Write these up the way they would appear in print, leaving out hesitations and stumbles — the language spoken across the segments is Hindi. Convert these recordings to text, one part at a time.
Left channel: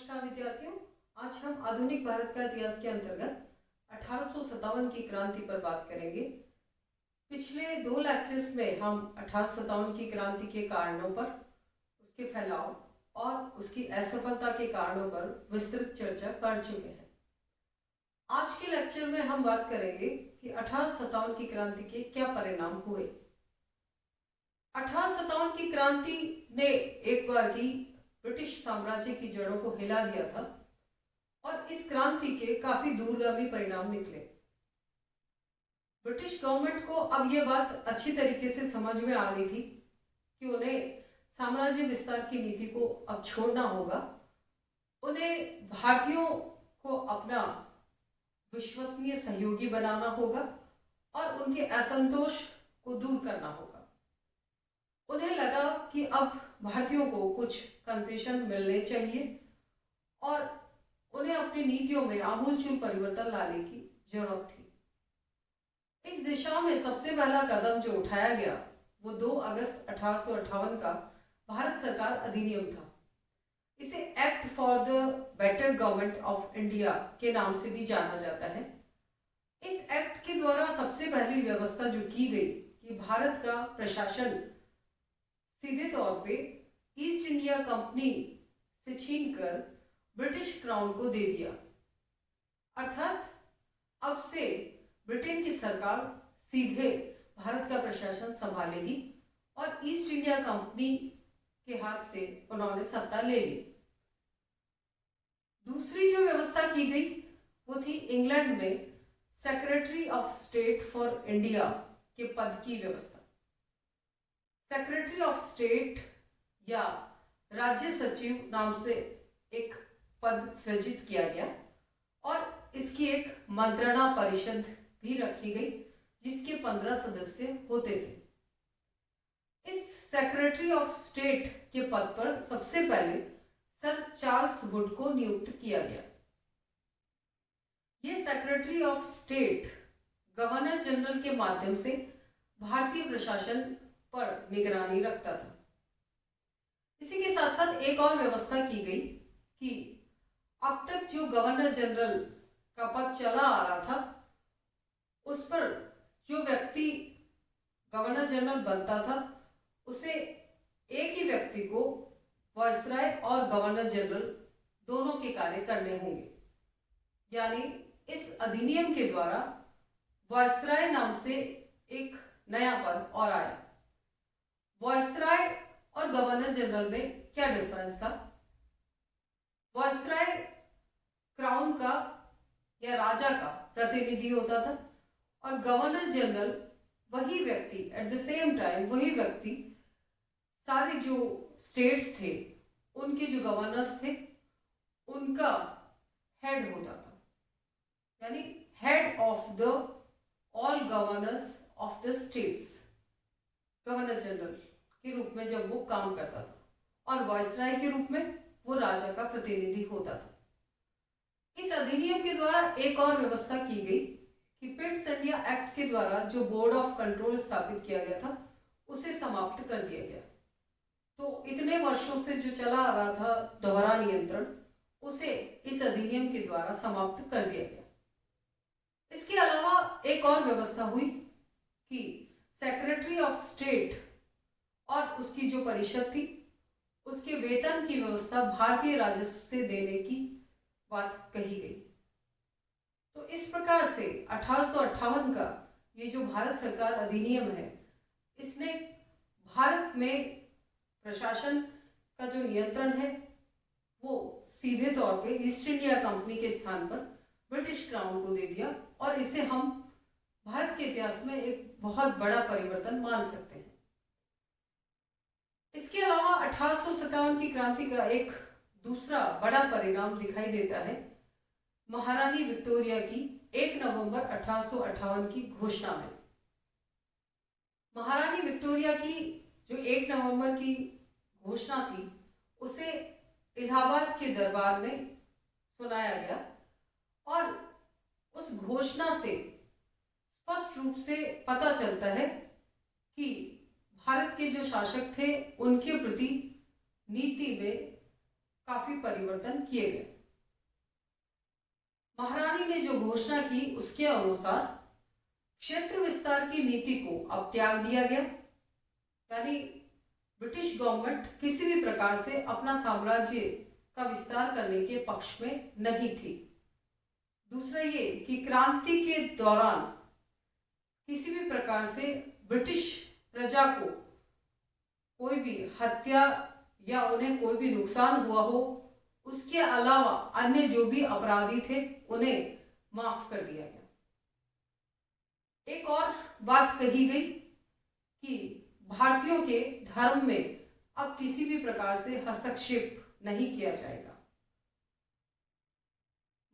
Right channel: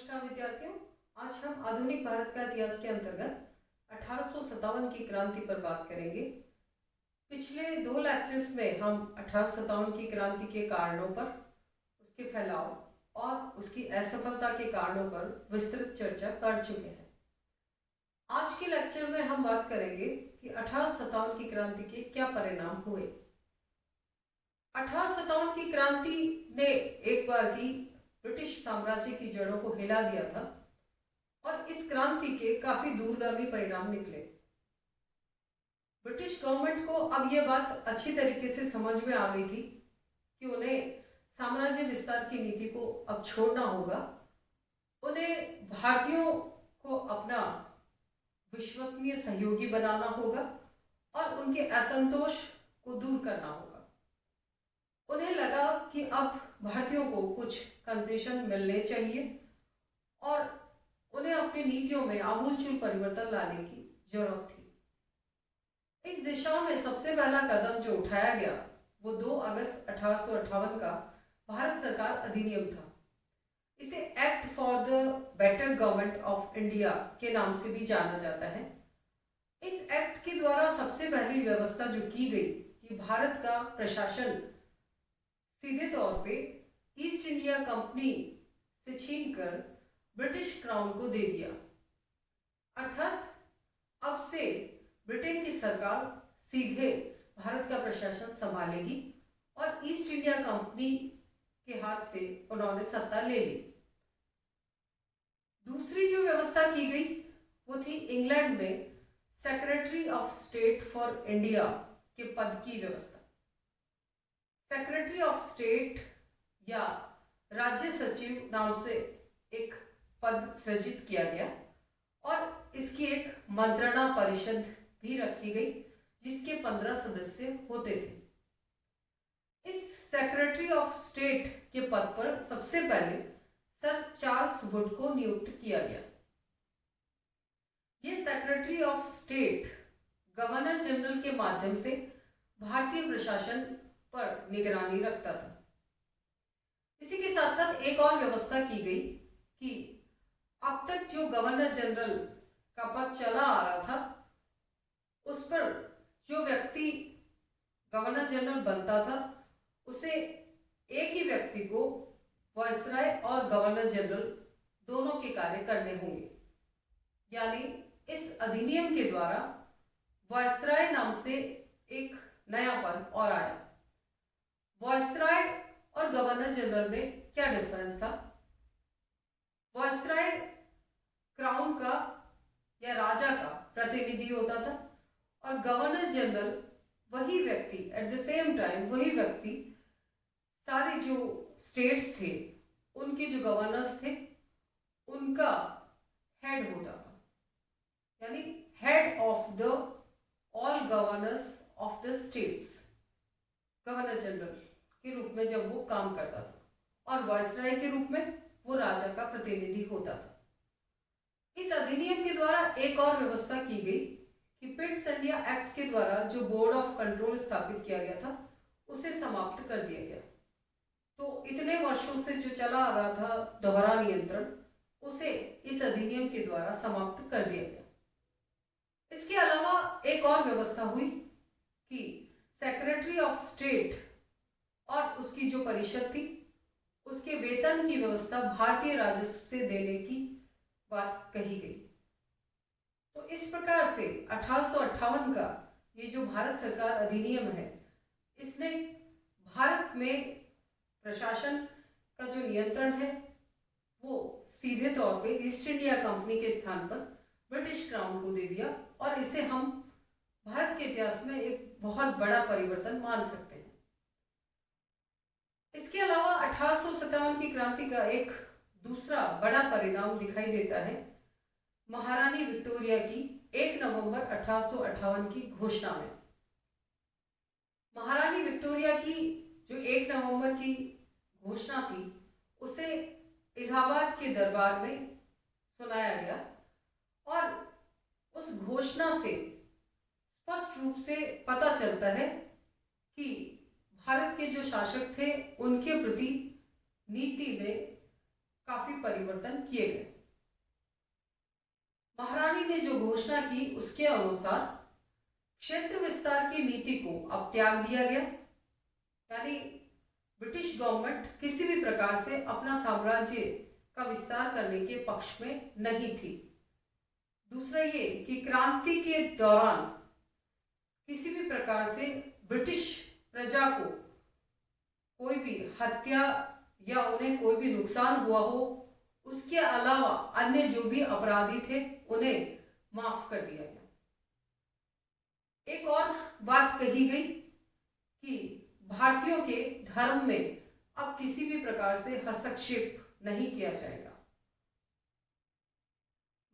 नमस्कार विद्यार्थियों। आज हम आधुनिक भारत का इतिहास के अंतर्गत 1857 की क्रांति पर बात करेंगे। पिछले 2 लेक्चर्स में हम 1857 की क्रांति के कारणों पर, उसके फैलाव और उसकी असफलता के कारणों पर विस्तृत चर्चा कर चुके हैं। आज के लेक्चर में हम बात करेंगे कि 1857 की क्रांति के क्या परिणाम हुए। 1857 की क्रांति ने एक बार की ब्रिटिश साम्राज्य की जड़ों को हिला दिया था और इस क्रांति के काफी दूरगामी परिणाम निकले। ब्रिटिश गवर्नमेंट को अब यह बात अच्छी तरीके से समझ में आ गई थी कि उन्हें साम्राज्य विस्तार की नीति को अब छोड़ना होगा। उन्हें भारतीयों को अपना विश्वसनीय सहयोगी बनाना होगा और उनके असंतोष को दूर करना होगा। उन्हें लगा कि अब भारतीयों को कुछ कंसेशन मिलने चाहिए और उन्हें अपनी नीतियों में आमूलचूल परिवर्तन लाने की जरूरत थी। इस दिशा में सबसे पहला कदम जो उठाया गया वो 2 अगस्त 1858 का भारत सरकार अधिनियम था। इसे act for the better government of India के नाम से भी जाना जाता है। इस एक्ट के द्वारा सबसे पहली व्यवस्था जो की गई कि भारत का प्रशासन सीधे तौर पे ईस्ट इंडिया कंपनी से छीनकर ब्रिटिश क्राउन को दे दिया। अर्थात अब से ब्रिटेन की सरकार सीधे भारत का प्रशासन संभालेगी और ईस्ट इंडिया कंपनी के हाथ से उन्होंने सत्ता ले ली। दूसरी जो व्यवस्था की गई वो थी इंग्लैंड में secretary of state for India के पद की व्यवस्था। सेक्रेटरी ऑफ स्टेट या राज्य सचिव नाम से एक पद सृजित किया गया और इसकी एक मंत्रणा परिषद भी रखी गई जिसके 15 सदस्य होते थे। इस सेक्रेटरी ऑफ स्टेट के पद पर सबसे पहले सर चार्ल्स वुड को नियुक्त किया गया। ये secretary of state governor general के माध्यम से भारतीय प्रशासन पर निगरानी रखता था। इसी के साथ साथ एक और व्यवस्था की गई कि अब तक जो गवर्नर जनरल का पद चला आ रहा था उस पर जो व्यक्ति गवर्नर जनरल बनता था उसे एक ही व्यक्ति को वायसराय और गवर्नर जनरल दोनों के कार्य करने होंगे। यानी इस अधिनियम के द्वारा वायसराय नाम से एक नया पद और आया। वायसराय और गवर्नर जनरल में क्या डिफरेंस था? वायसराय क्राउन का या राजा का प्रतिनिधि होता था और गवर्नर जनरल वही व्यक्ति एट द सेम टाइम वही व्यक्ति सारे जो स्टेट्स थे उनके जो गवर्नर्स थे उनका हेड होता था। यानी head of the all governors of the states governor general के रूप में जब वो काम करता था और वायसराय के रूप में वो राजा का प्रतिनिधि होता था। इस अधिनियम के द्वारा एक और व्यवस्था की गई कि पिट्स इंडिया एक्ट के द्वारा जो बोर्ड ऑफ कंट्रोल स्थापित किया गया था उसे समाप्त कर दिया गया। तो इतने वर्षों से जो चला आ रहा था दोहरा नियंत्रण उसे इस अधिनियम के द्वारा समाप्त कर दिया गया। इसके अलावा एक और व्यवस्था हुई कि सेक्रेटरी ऑफ स्टेट और उसकी जो परिषद थी उसके वेतन की व्यवस्था भारतीय राजस्व से देने की बात कही गई। तो इस प्रकार से 1858 का ये जो भारत सरकार अधिनियम है इसने भारत में प्रशासन का जो नियंत्रण है वो सीधे तौर पे ईस्ट इंडिया कंपनी के स्थान पर ब्रिटिश क्राउन को दे दिया और इसे हम भारत के इतिहास में एक बहुत बड़ा परिवर्तन मान सकते हैं। इसके अलावा 1857 की क्रांति का एक दूसरा बड़ा परिणाम दिखाई देता है महारानी विक्टोरिया की 1 नवंबर 1858 की घोषणा में। महारानी विक्टोरिया की जो 1 नवंबर की घोषणा थी उसे इलाहाबाद के दरबार में सुनाया गया और उस घोषणा से स्पष्ट रूप से पता चलता है कि भारत के जो शासक थे उनके प्रति नीति में काफी परिवर्तन किए गए। महारानी ने जो घोषणा की उसके अनुसार क्षेत्र विस्तार की नीति को अब त्याग दिया गया, यानी ब्रिटिश गवर्नमेंट किसी भी प्रकार से अपना साम्राज्य का विस्तार करने के पक्ष में नहीं थी। दूसरा ये कि क्रांति के दौरान किसी भी प्रकार से ब्रिटिश प्रजा को कोई भी हत्या या उन्हें कोई भी नुकसान हुआ हो, उसके अलावा अन्य जो भी अपराधी थे उन्हें माफ कर दिया गया। एक और बात कही गई कि भारतीयों के धर्म में अब किसी भी प्रकार से हस्तक्षेप नहीं किया जाएगा।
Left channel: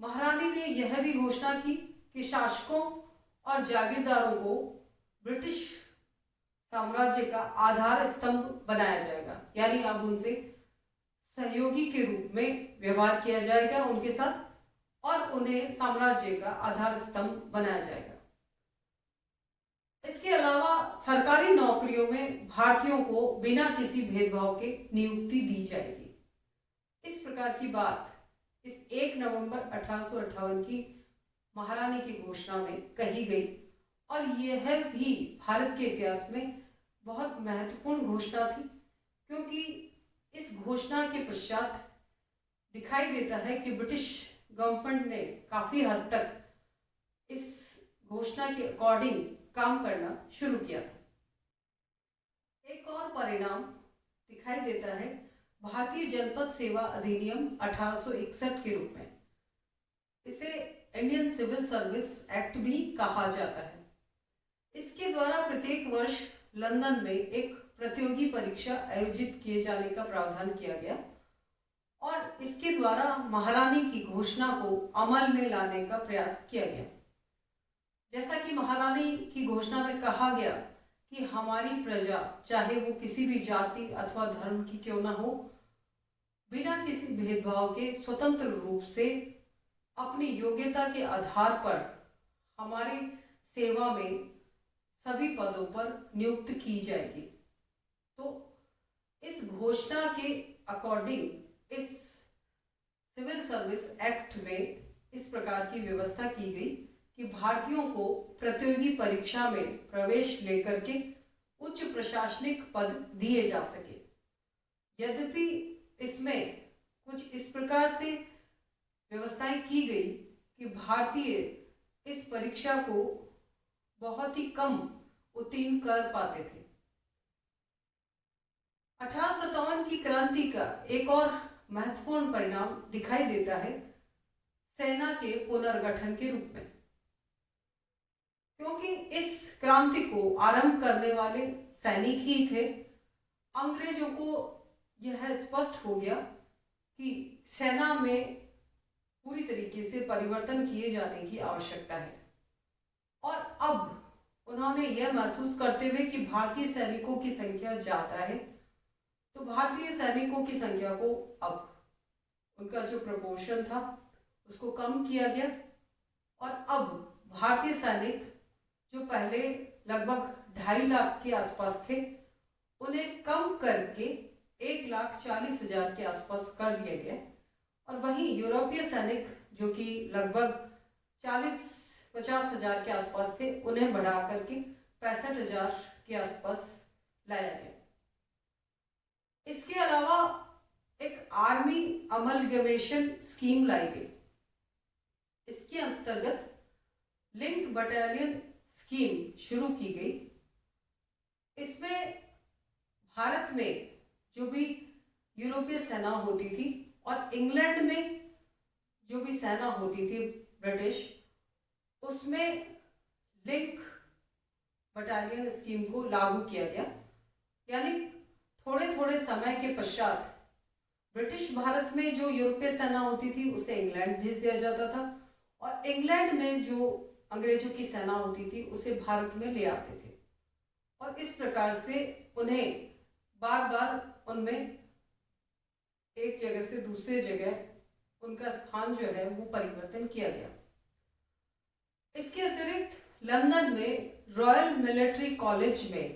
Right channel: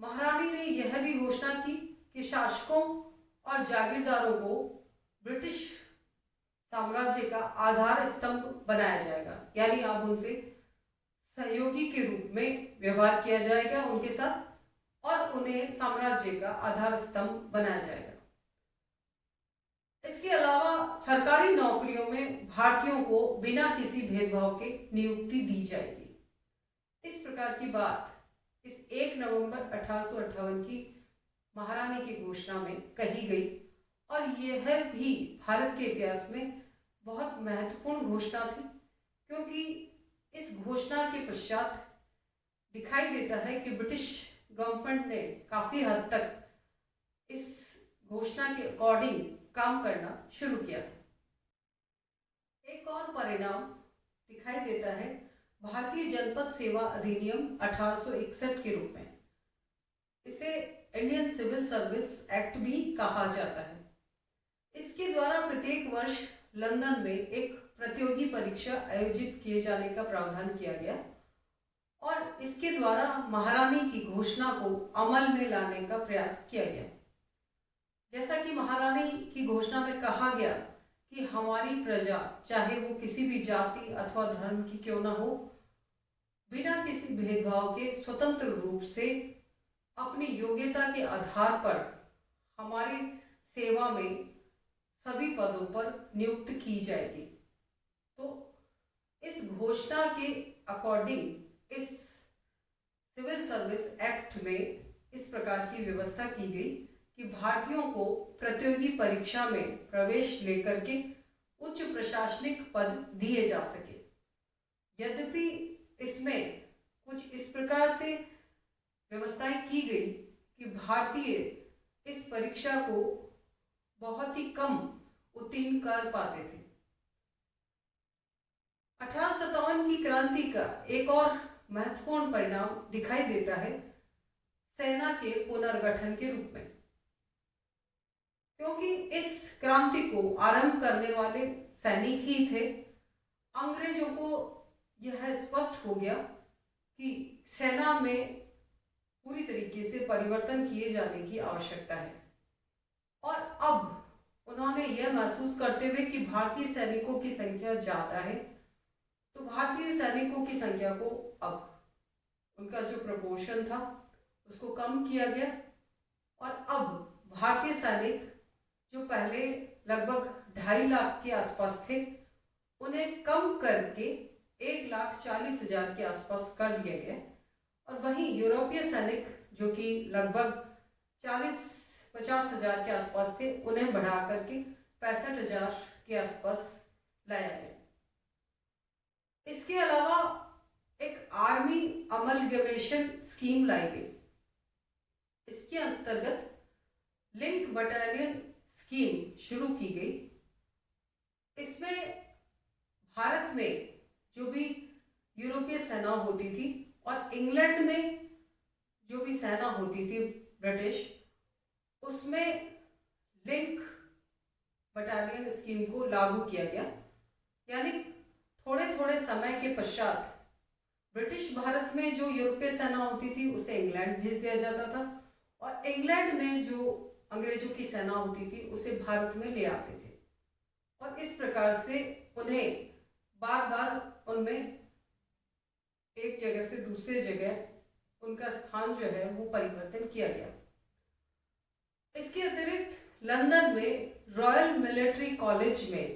महारानी ने यह भी घोषणा की कि शासकों और जागीरदारों को ब्रिटिश साम्राज्य का आधार स्तंभ बनाया जाएगा, यानी अब उनसे सहयोगी के रूप में व्यवहार किया जाएगा उनके साथ, और उन्हें साम्राज्य का आधार स्तंभ बनाया जाएगा। इसके अलावा सरकारी नौकरियों में भारतीयों को बिना किसी भेदभाव के नियुक्ति दी जाएगी। इस प्रकार की बात इस 1 नवंबर 1858 की महारानी की घोषणा में कही गई, और यह भी भारत के इतिहास में बहुत महत्वपूर्ण घोषणा थी, क्योंकि इस घोषणा के पश्चात दिखाई देता है कि ब्रिटिश गवर्नमेंट ने काफी हद तक इस घोषणा के अकॉर्डिंग काम करना शुरू किया था। एक और परिणाम दिखाई देता है भारतीय जनपद सेवा अधिनियम 1861 के रूप में। इसे इंडियन सिविल सर्विस एक्ट भी कहा जाता है। इसके द्वारा प्रत्येक वर्ष लंदन में एक प्रतियोगी परीक्षा आयोजित किए जाने का प्रावधान किया गया, और इसके द्वारा महारानी की घोषणा को अमल में लाने का प्रयास किया गया। जैसा कि महारानी की घोषणा में कहा गया कि हमारी प्रजा, चाहे वो किसी भी जाति अथवा धर्म की क्यों ना हो, बिना किसी भेदभाव के स्वतंत्र रूप से अपनी योग्यता के आधार पर हमारी सेवा में सभी पदों पर नियुक्त की जाएगी। तो इस घोषणा के अकॉर्डिंग इस सिविल सर्विस एक्ट में इस प्रकार की व्यवस्था की गई कि भारतीयों को प्रतियोगी परीक्षा में प्रवेश लेकर के उच्च प्रशासनिक पद दिए जा सके। यद्यपि इसमें कुछ इस प्रकार से व्यवस्थाएं की गई कि भारतीय इस परीक्षा को बहुत ही कम उत्तीर्ण कर पाते थे। 1857 की क्रांति का एक और महत्वपूर्ण परिणाम दिखाई देता है सेना के पुनर्गठन के रूप में, क्योंकि इस क्रांति को आरंभ करने वाले सैनिक ही थे। अंग्रेजों को यह स्पष्ट हो गया कि सेना में पूरी तरीके से परिवर्तन किए जाने की आवश्यकता है, और अब उन्होंने यह महसूस करते हुए कि भारतीय सैनिकों की संख्या ज्यादा है, तो भारतीय सैनिकों की संख्या को अब उनका जो प्रपोर्शन था उसको कम किया गया, और अब भारतीय सैनिक जो पहले लगभग 2.5 लाख के आसपास थे, उन्हें कम करके 1,40,000 के आसपास कर दिया गया। और वहीं यूरोपीय सैनिक जो कि लगभग 40-50,000 के आसपास थे, उन्हें बढ़ा करके 65,000 के आसपास लाया गया। इसके अलावा एक आर्मी अमलगमेशन स्कीम लाई गई। इसके अंतर्गत लिंक्ड बटालियन स्कीम शुरू की गई। इसमें भारत में जो भी यूरोपीय सेना होती थी और इंग्लैंड में जो भी सेना होती थी ब्रिटिश, उसमें लिंक बटालियन स्कीम को लागू किया गया। यानी थोड़े थोड़े समय के पश्चात ब्रिटिश भारत में जो यूरोपीय सेना होती थी उसे इंग्लैंड भेज दिया जाता था, और इंग्लैंड में जो अंग्रेजों की सेना होती थी उसे भारत में ले आते थे, और इस प्रकार से उन्हें बार बार उनमें एक जगह से दूसरे जगह उनका स्थान जो है वो परिवर्तन किया गया। इसके अतिरिक्त लंदन में रॉयल मिलिट्री कॉलेज में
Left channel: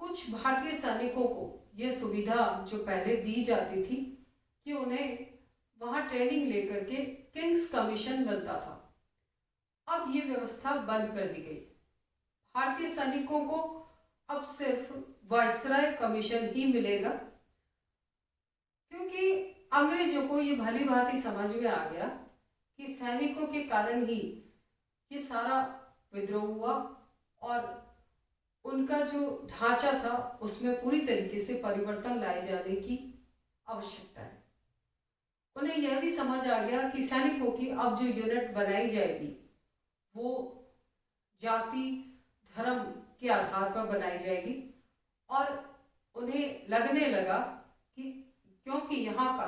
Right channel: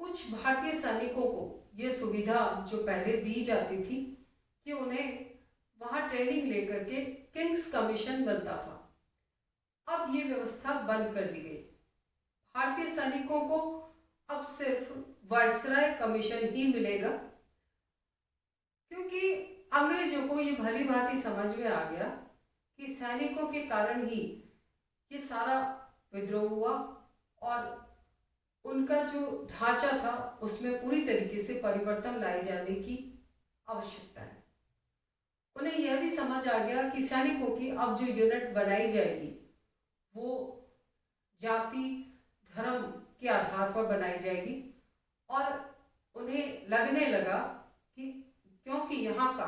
कुछ भारतीय सैनिकों को यह सुविधा जो पहले दी जाती थी कि उन्हें वहां ट्रेनिंग लेकर के किंग्स कमीशन मिलता था। अब ये व्यवस्था बंद कर दी गई। भारतीय सैनिकों को अब सिर्फ वायसराय कमीशन ही मिलेगा, क्योंकि अंग्रेजों को ये भली भांति समझ में आ गया कि सैनिकों के कारण ही ये सारा विद्रोह हुआ और उनका जो ढांचा था उसमें पूरी तरीके से परिवर्तन लाए जाने की आवश्यकता है। उन्हें यह भी समझ आ गया कि सैनिकों की अब जो यूनिट बनाई जाएगी वो जाति धर्म के आधार पर बनाई जाएगी, और उन्हें लगने लगा कि क्योंकि यहाँ का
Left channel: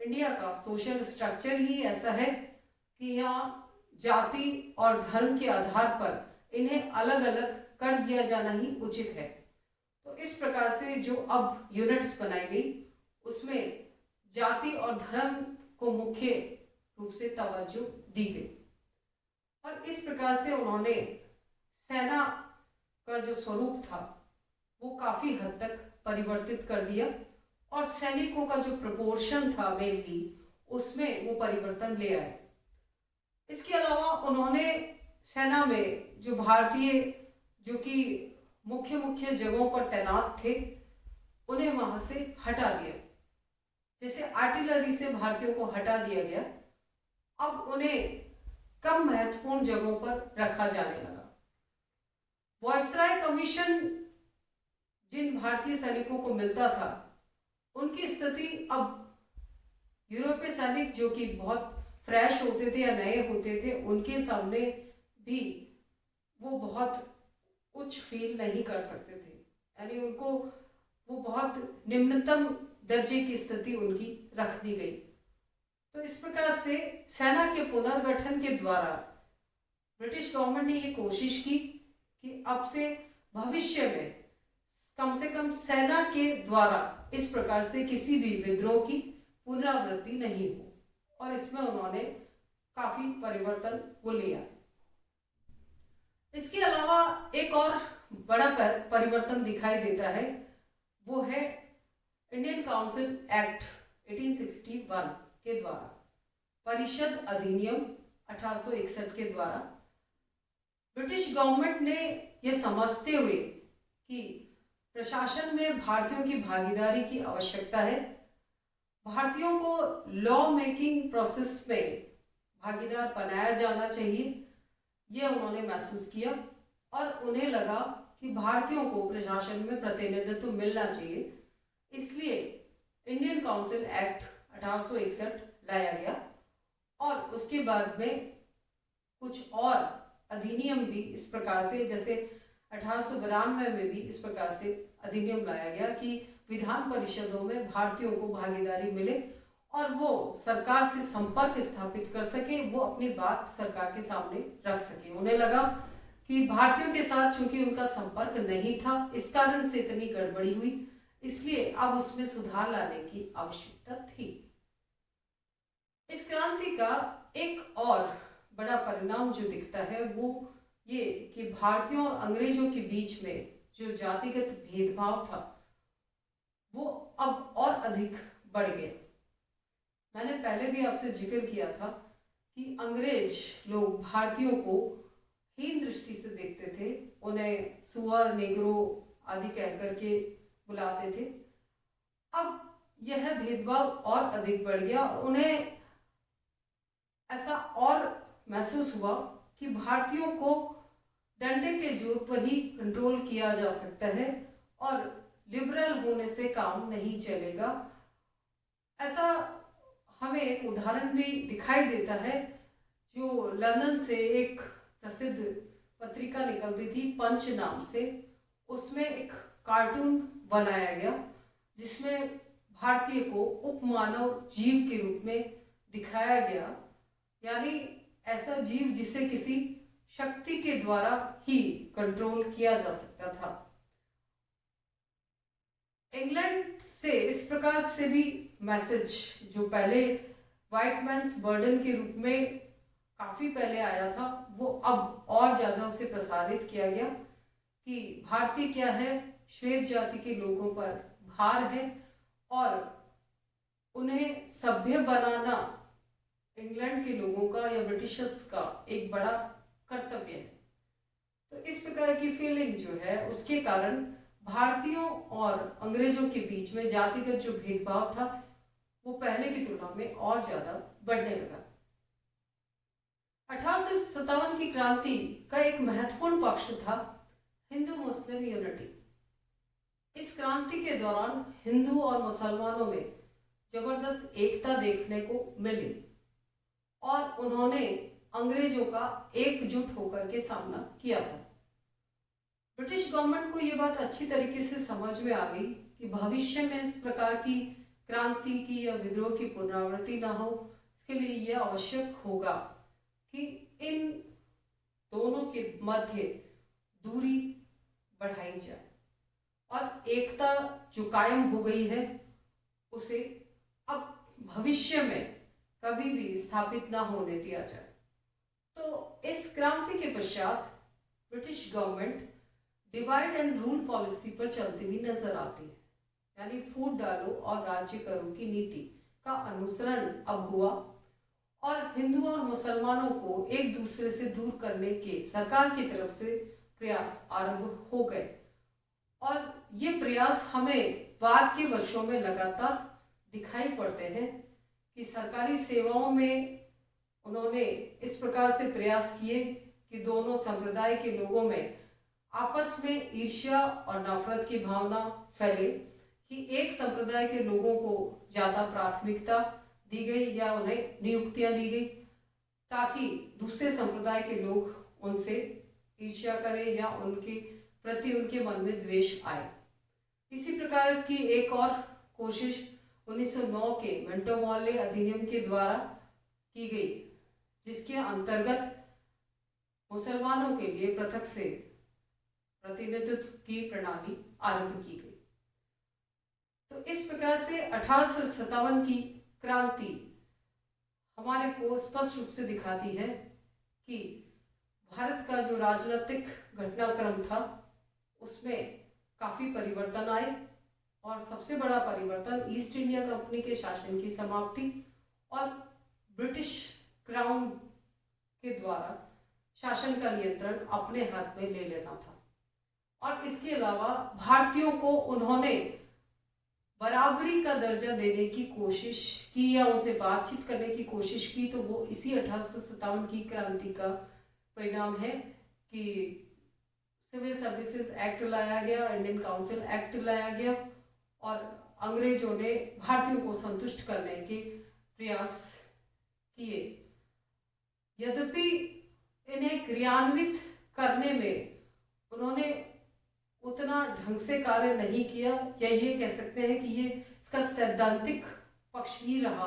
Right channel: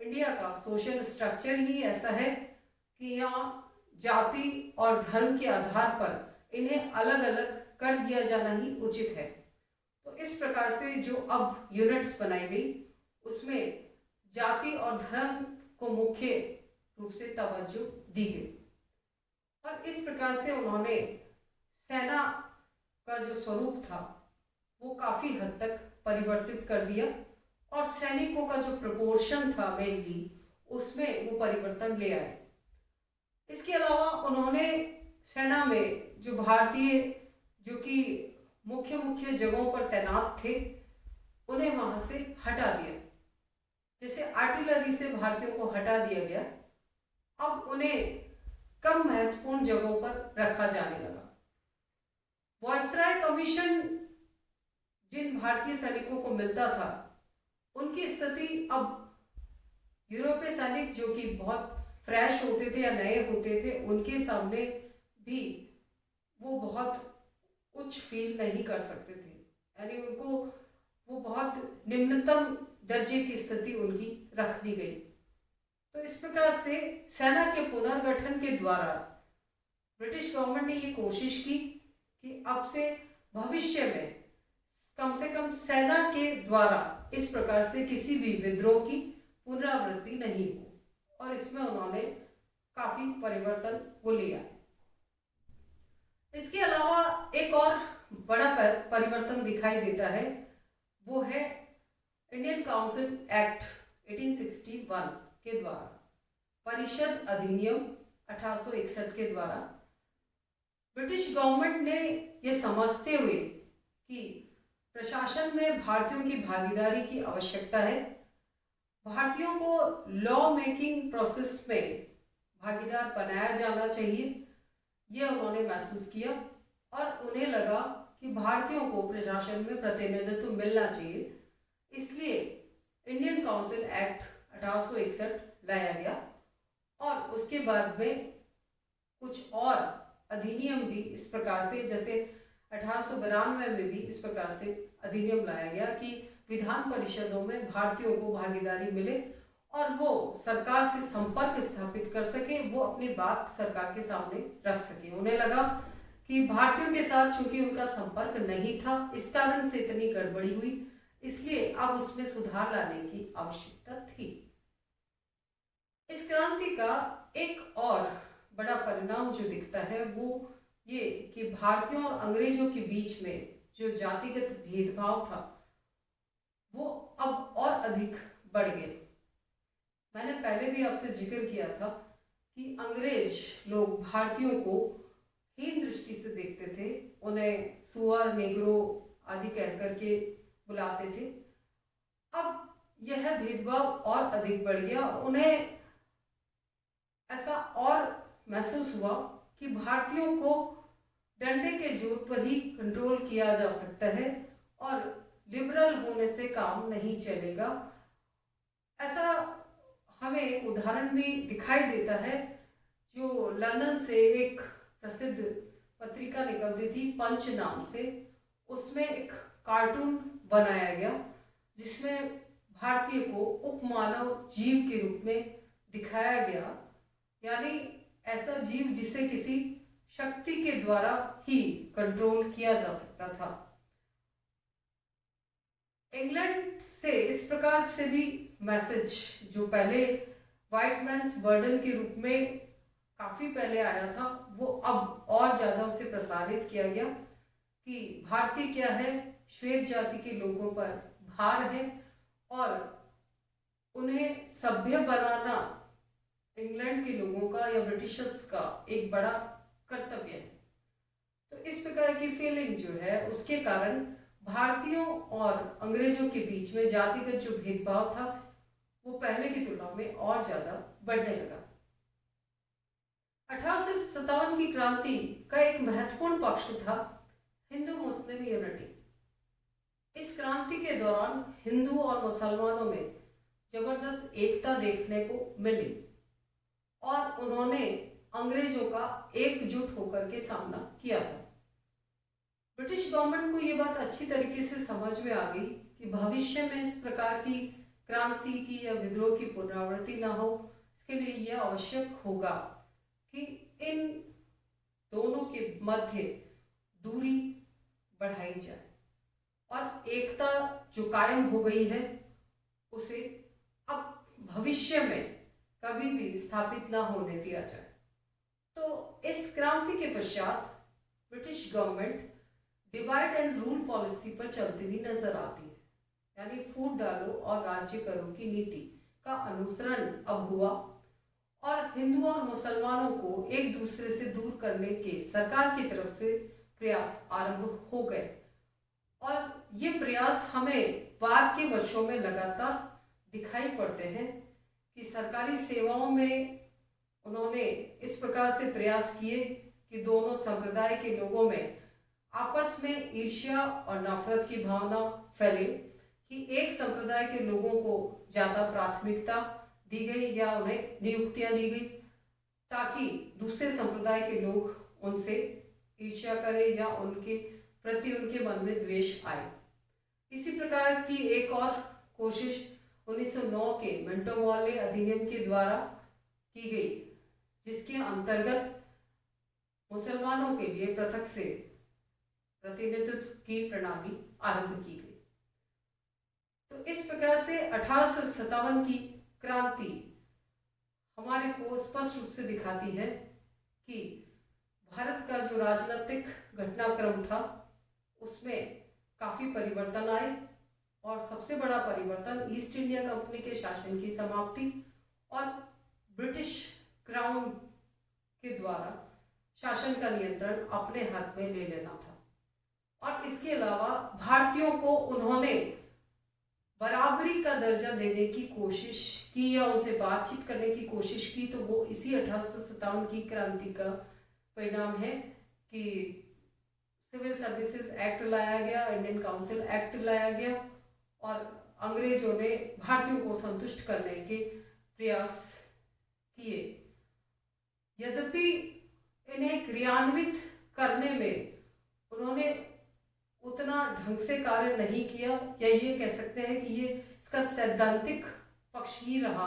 इंडिया का सोशल स्ट्रक्चर ही ऐसा है कि यहाँ जाति और धर्म के आधार पर इन्हें अलग अलग कर दिया जाना ही उचित है। तो इस प्रकार से जो अब यूनिट्स बनाई गई उसमें जाति और धर्म को मुख्य रूप से तवज्जो दी गई, और इस प्रकार से उन्होंने सेना का जो स्वरूप था वो काफी हद तक परिवर्तित कर दिया, और सैनिकों का जो प्रपोर्शन था मेनली उसमें वो परिवर्तन ले आए। इसके अलावा उन्होंने सेना में जो भारतीय जो कि मुख्य मुख्य जगहों पर तैनात थे उन्हें वहां से हटा दिया। जैसे आर्टिलरी से भारतीयों को हटा दिया गया, अब उन्हें कम महत्वपूर्ण जगहों पर रखा जाने लगा। वायसराय कमीशन जिन भारतीय सैनिकों को मिलता था उनकी स्थिति अब यूरोपीय सैनिक जो कि बहुत फ्रेश होते थे या नए होते थे उनके सामने भी वो बहुत उच्च फील नहीं कर सकते थे, यानी उनको वो बहुत निम्नतम दर्जे की स्थिति उनकी रख दी गई। तो इस प्रकार से सेना के पुनर्गठन के द्वारा ब्रिटिश गवर्नमेंट ने ये कोशिश की कि अब से भविष्य में कम से कम सेना के द्वारा इस प्रकार से किसी भी विद्रोह की पुनरावृत्ति नहीं हो, और इसमें उन्होंने काफी परिवर्तन को लिया। इसके अलावा एक और बड़ा परिवर्तन दिखाई देता है, वो है इंडियन काउंसिल एक्ट 1861 के द्वारा, परिषद अधिनियम 1861 के द्वारा ब्रिटिश गवर्नमेंट ने यह समझते हुए कि प्रशासन में भारतीयों की भागीदारी की आवश्यकता है, भारतीयों को लॉ मेकिंग प्रोसेस में भागीदार बनाया जाना चाहिए, यह उन्होंने महसूस किया, और उन्हें लगा कि भारतीयों को प्रशासन में प्रतिनिधित्व मिलना चाहिए। इसलिए इंडियन काउंसिल एक्ट 1861 लाया गया, और उसके बाद में कुछ और अधिनियम भी इस प्रकार से, जैसे 1892 में भी इस प्रकार से अधिनियम लाया गया कि विधान परिषदों में भारतीयों को भागीदारी मिले और वो सरकार से संपर्क स्थापित कर सके, वो अपनी बात सरकार के सामने रख सके। उन्हें लगा कि भारतीयों के साथ चूंकि उनका संपर्क नहीं था, इस कारण से इतनी गड़बड़ी हुई, इसलिए अब उसमें सुधार लाने की आवश्यकता थी। इस क्रांति का एक और बड़ा परिणाम जो दिखता है वो ये कि भारतीयों और अंग्रेजों के बीच में जो जातिगत भेदभाव था वो अब और अधिक बढ़ गया। मैंने पहले भी आपसे जिक्र किया था कि अंग्रेज लोग भारतीयों को हीन दृष्टि से देखते थे, उन्हें सुअर, नेग्रो आदि कह करके बुलाते थे। अब यह भेदभाव और अधिक बढ़ गया, उन्हें ऐसा और महसूस हुआ कि भारतीयों को डंडे के जोर पर ही कंट्रोल किया जा सकता है और लिबरल होने से काम नहीं चलेगा। ऐसा हमें एक उदाहरण भी दिखाई देता है, जो लंदन से एक प्रसिद्ध पत्रिका निकलती थी पंच नाम से, उसमें एक कार्टून बनाया गया जिसमें भारतीय को उपमानव जीव के रूप में दिखाया गया, यानी ऐसा जीव जिसे किसी शक्ति के द्वारा ही कंट्रोल किया जा सकता था। इंग्लैंड से इस प्रकार से भी मैसेज, जो पहले व्हाइट मैन्स बर्डन के रूप में काफी पहले आया था, वो अब और ज्यादा उसे प्रसारित किया गया कि भारतीय क्या है, श्वेत जाति के लोगों पर भार है और उन्हें सभ्य बनाना इंग्लैंड के लोगों का या ब्रिटिशर्स का एक बड़ा कर्तव्य है। तो इस प्रकार की फीलिंग जो है उसके कारण भारतीयों और अंग्रेजों के बीच में जातिगत जो भेदभाव था वो पहले की तुलना में और ज्यादा बढ़ने लगा। 1857 की क्रांति का एक महत्वपूर्ण पक्ष था हिंदू मुस्लिम यूनिटी। इस क्रांति के दौरान हिंदू और मुसलमानों में जबरदस्त एकता देखने को मिली और उन्होंने अंग्रेजों का एकजुट होकर के सामना किया था। ब्रिटिश गवर्नमेंट को ये बात अच्छी तरीके से समझ में आ गई कि भविष्य में इस प्रकार की क्रांति की या विद्रोह की पुनरावृत्ति ना हो, इसके लिए यह आवश्यक होगा कि इन दोनों के मध्य दूरी बढ़ाई जाए और एकता जो कायम हो गई है उसे अब भविष्य में कभी भी स्थापित ना होने दिया जाए। तो इस क्रांति के पश्चात British government divide and rule policy पर चलती हुई नजर आती है, यानी फूट डालो और राज्य करो की नीति का अनुसरण अब हुआ और हिंदू और मुसलमानों को एक दूसरे से दूर करने के सरकार की तरफ से प्रयास आरंभ हो गए और ये प्रयास हमें बाद के वर्षों में लगातार दिखाई पड़ते हैं कि सरकारी सेवाओं में उन्होंने इस प्रकार से प्रयास किए कि दोनों संप्रदाय के लोगों में आपस में ईर्ष्या और नफरत की भावना फैले कि एक संप्रदाय के लोगों को ज्यादा प्राथमिकता दी गई या उन्हें नियुक्तियां दी गई ताकि दूसरे संप्रदाय के लोग उनसे ईर्ष्या करें या उनके प्रति उनके मन में द्वेष आए। इसी प्रकार की एक और कोशिश 1909 के मिंटो मॉर्ले अधिनियम के द्वारा की गई, जिसके अंतर्गत मुसलमानों के लिए पृथक से प्रतिनिधित्व की प्रणाली आरंभ की गई। तो इस प्रकार से 1857 की क्रांति हमारे को स्पष्ट रूप से दिखाती है कि भारत का जो राजनीतिक घटनाक्रम था उसमें काफी परिवर्तन आए और सबसे बड़ा परिवर्तन ईस्ट इंडिया कंपनी के शासन की समाप्ति और ब्रिटिश क्राउन के द्वारा शासन का नियंत्रण अपने हाथ में ले लेना था। और इसके अलावा भारतीयों को उन्होंने बराबरी का दर्जा देने की कोशिश की या उनसे बातचीत करने की कोशिश की, तो वो इसी 1857 की क्रांति का परिणाम है कि सिविल सर्विसेज एक्ट लाया गया, इंडियन काउंसिल एक्ट लाया गया और अंग्रेजों ने भारतीयों को संतुष्ट करने के प्रयास किए। यद्यपि इन्हें क्रियान्वित करने में उन्होंने उतना ढंग से कार्य नहीं किया, या ये कह सकते हैं कि ये इसका सैद्धांतिक पक्ष ही रहा,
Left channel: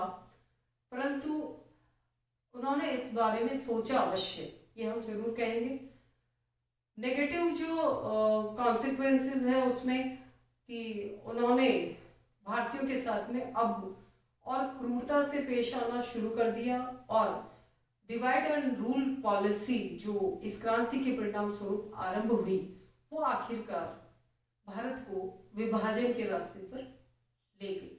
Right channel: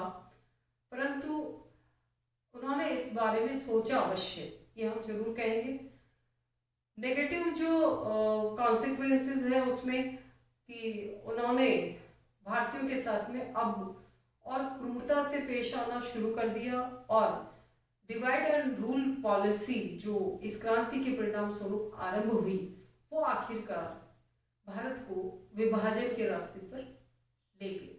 परंतु उन्होंने इस बारे में सोचा अवश्य, ये हम जरूर कहेंगे। नेगेटिव जो कॉन्सिक्वेंसेस है उसमें कि उन्होंने भारतीयों के साथ में अब और क्रूरता से पेश आना शुरू कर दिया और डिवाइड एंड रूल पॉलिसी जो इस क्रांति के परिणाम स्वरूप आरंभ हुई वो आखिरकार भारत को विभाजन के रास्ते पर ले गई।